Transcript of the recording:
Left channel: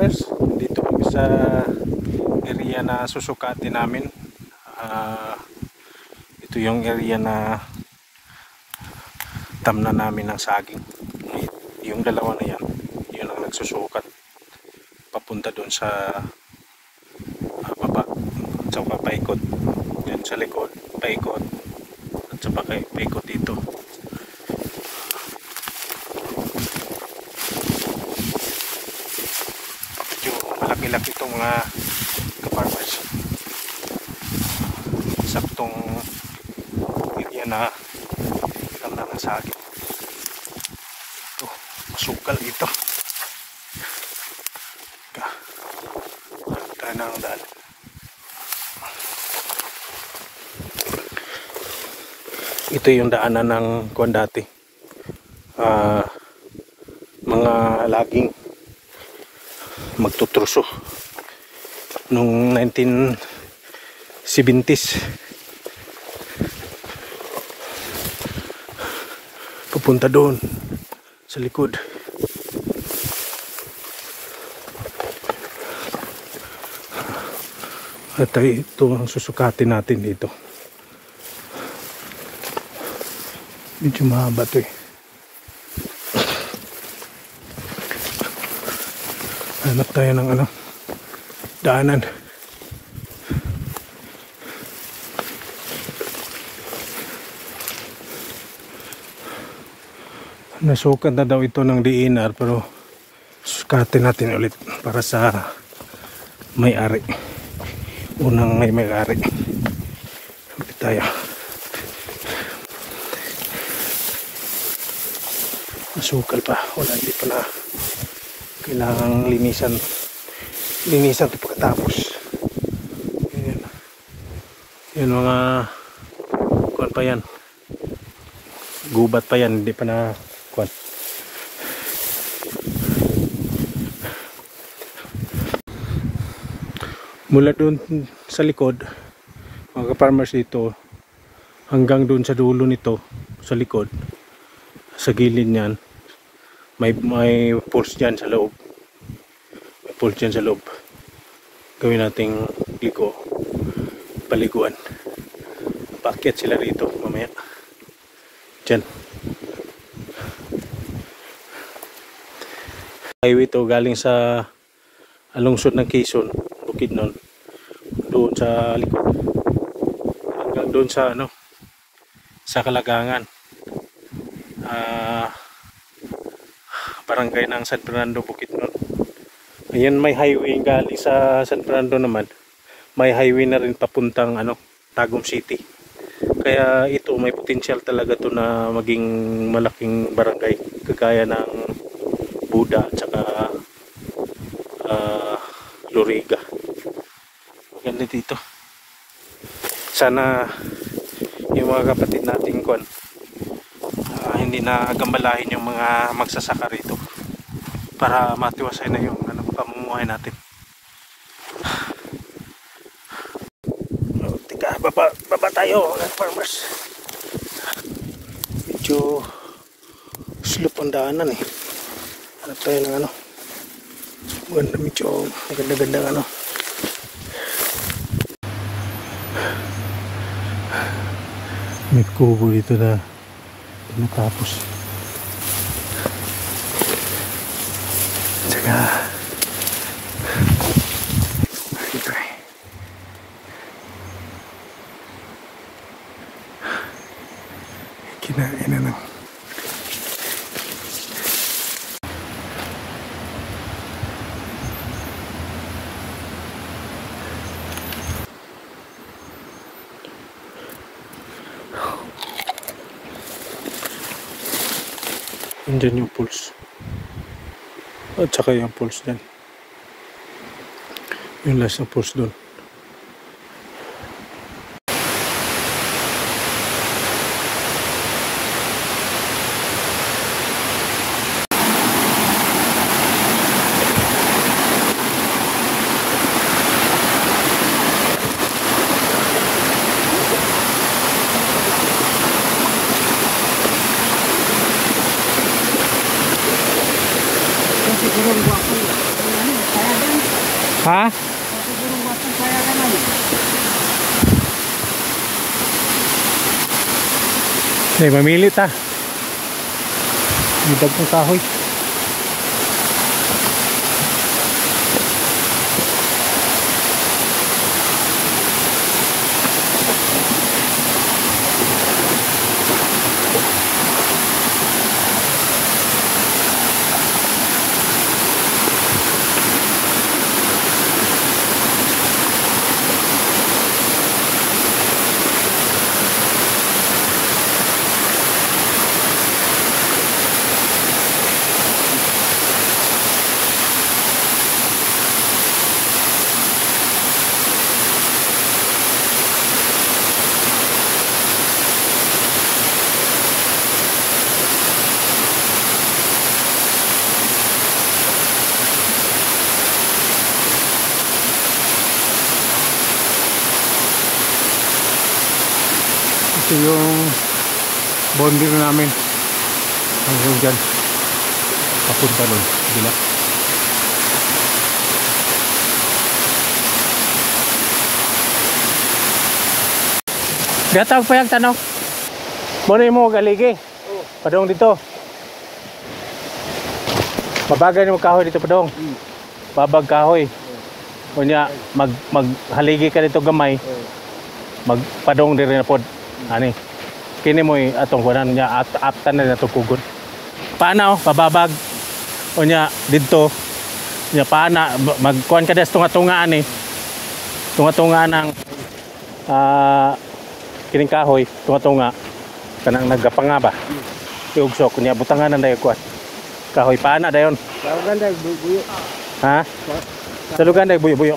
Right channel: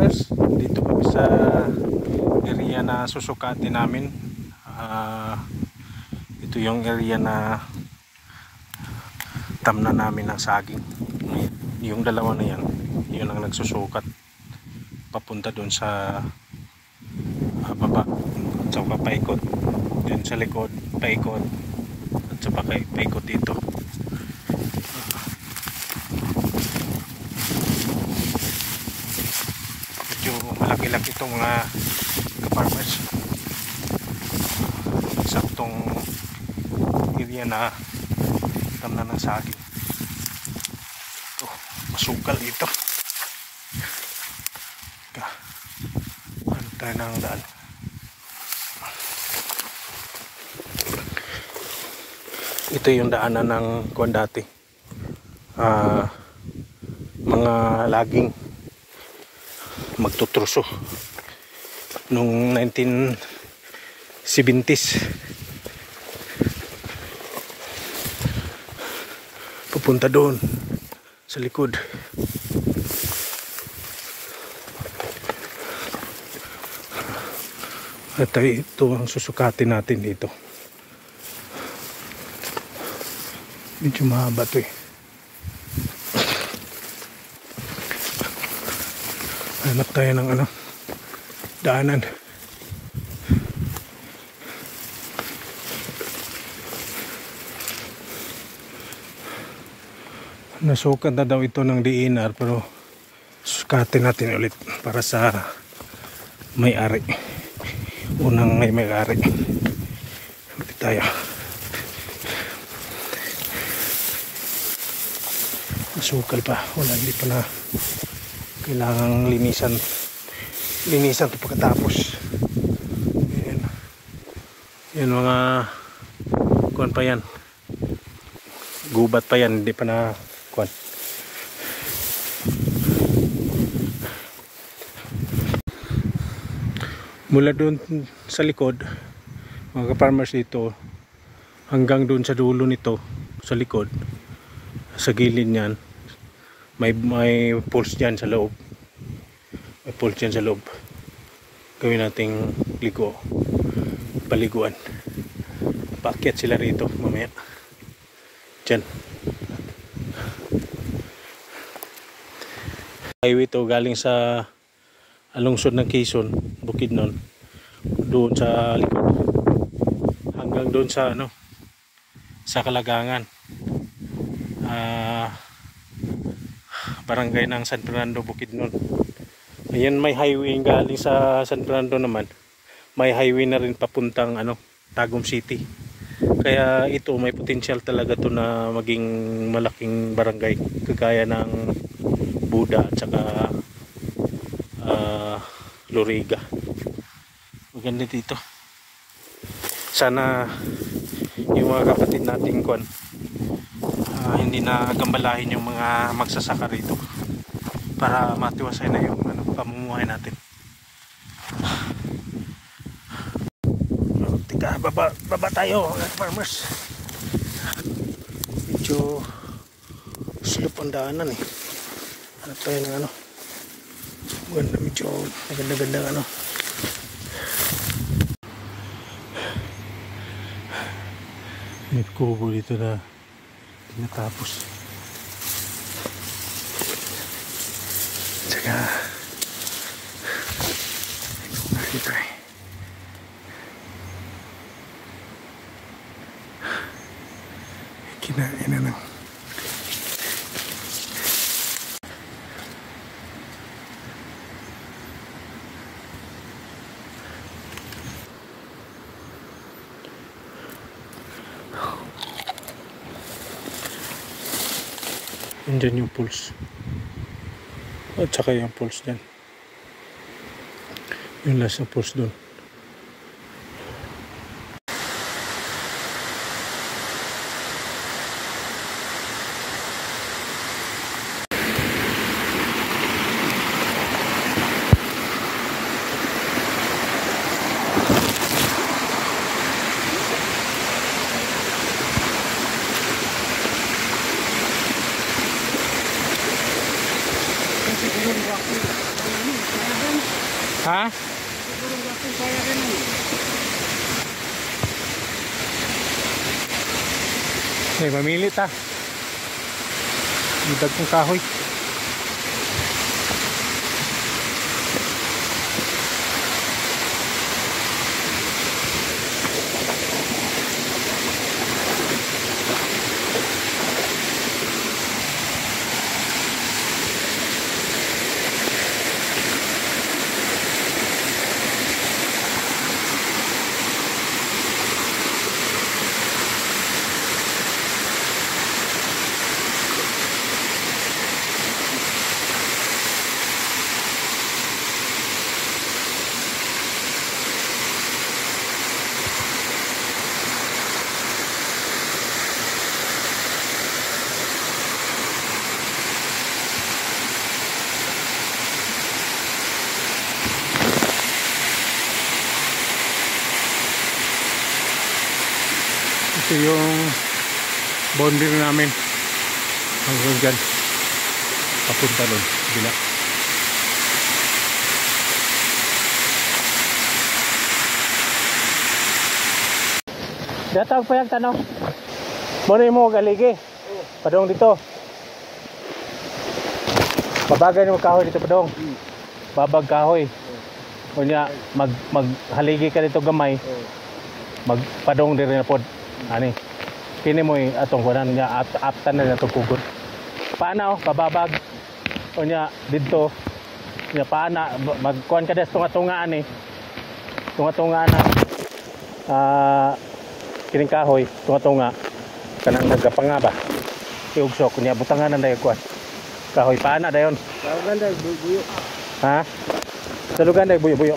ka-farmers, dito kami sa area na susukatin namin. Ito yung area na tamna namin ng saging. Yung dalawa na yan, yun ang nagsusukat papunta doon sa baba, at saka paikot dyan sa likod, paikot at saka paikot dito. Medyo malaki-laki itong mga ka-farmers. Saktong area na tamna ng saging. Ito, masukal dito. Ano tayo ng daan? Ito yung daanan ng kuwan dati. Mga laging magtutruso nung 1970s. Pupunta doon sa likod. At ito ang susukatin natin dito. Medyo mahaba ito eh. Hanap tayo ng daanan. Nasukat na daw ito ng DNR, pero sukatin natin ulit para sa may-ari. Unang may-ari. Ulit tayo. Masukal pa. Wala, hindi pa na kailangang linisan ito pagkatapos. Yan mga kuwan pa yan, gubat pa yan, hindi pa na kuwan. Mula doon sa likod mga ka-farmers dito hanggang doon sa dulo nito sa likod, sa gilid niyan may pulse dyan sa loob. May pulse dyan sa loob. Gawin nating paliguan. Paakyat sila rito mamaya. Dyan. Highway to galing sa lungsod ng Quezon, Bukidnon. Doon sa likod. Hanggang doon sa sa Kalagangan. Barangay ng San Fernando, Bukidnon. Ayan, may highway galing sa San Fernando naman. May highway na rin papuntang Tagum City. Kaya ito may potential talaga to na maging malaking barangay, kagaya ng Buda at saka Loriga. Maganda dito. Sana yung mga kapatid nating hindi na gambalahin yung mga magsasaka rito para matiwasay na yung pamumuhay natin. Tika, baba tayo mga farmers. Medyo slope ang daanan eh. Hanap tayo ng ganda, medyo maganda-ganda may kubo dito na natapos. Tsaka dito eh. Kinain na lang. Andyan yung pulse. At saka yung pulse dyan. Yung last na pulse doon. Ha? Siguro bakit kaya ka naman. Hindi, mamili ta. Idag kong kahoy. Ito yung bonding namin hanggang dyan papunta doon bila. Gatag pa yung tanong muna mo galigi padong dito babagay mo kahoy dito padong babag kahoy kunya maghaligi ka dito gamay magpadong din na pod ani kini mo atong kunan niya aptan na nato pugon paano pababag o niya dito niya paana magkuan ka des tunga-tunga ani tunga-tunga ng kining kahoy tunga-tunga kanang nagapanga ba iugsok niya butangan na dayon kuan kahoy paana dayon Bawagan dahil buyo. ha salugan dayon buyo-buyo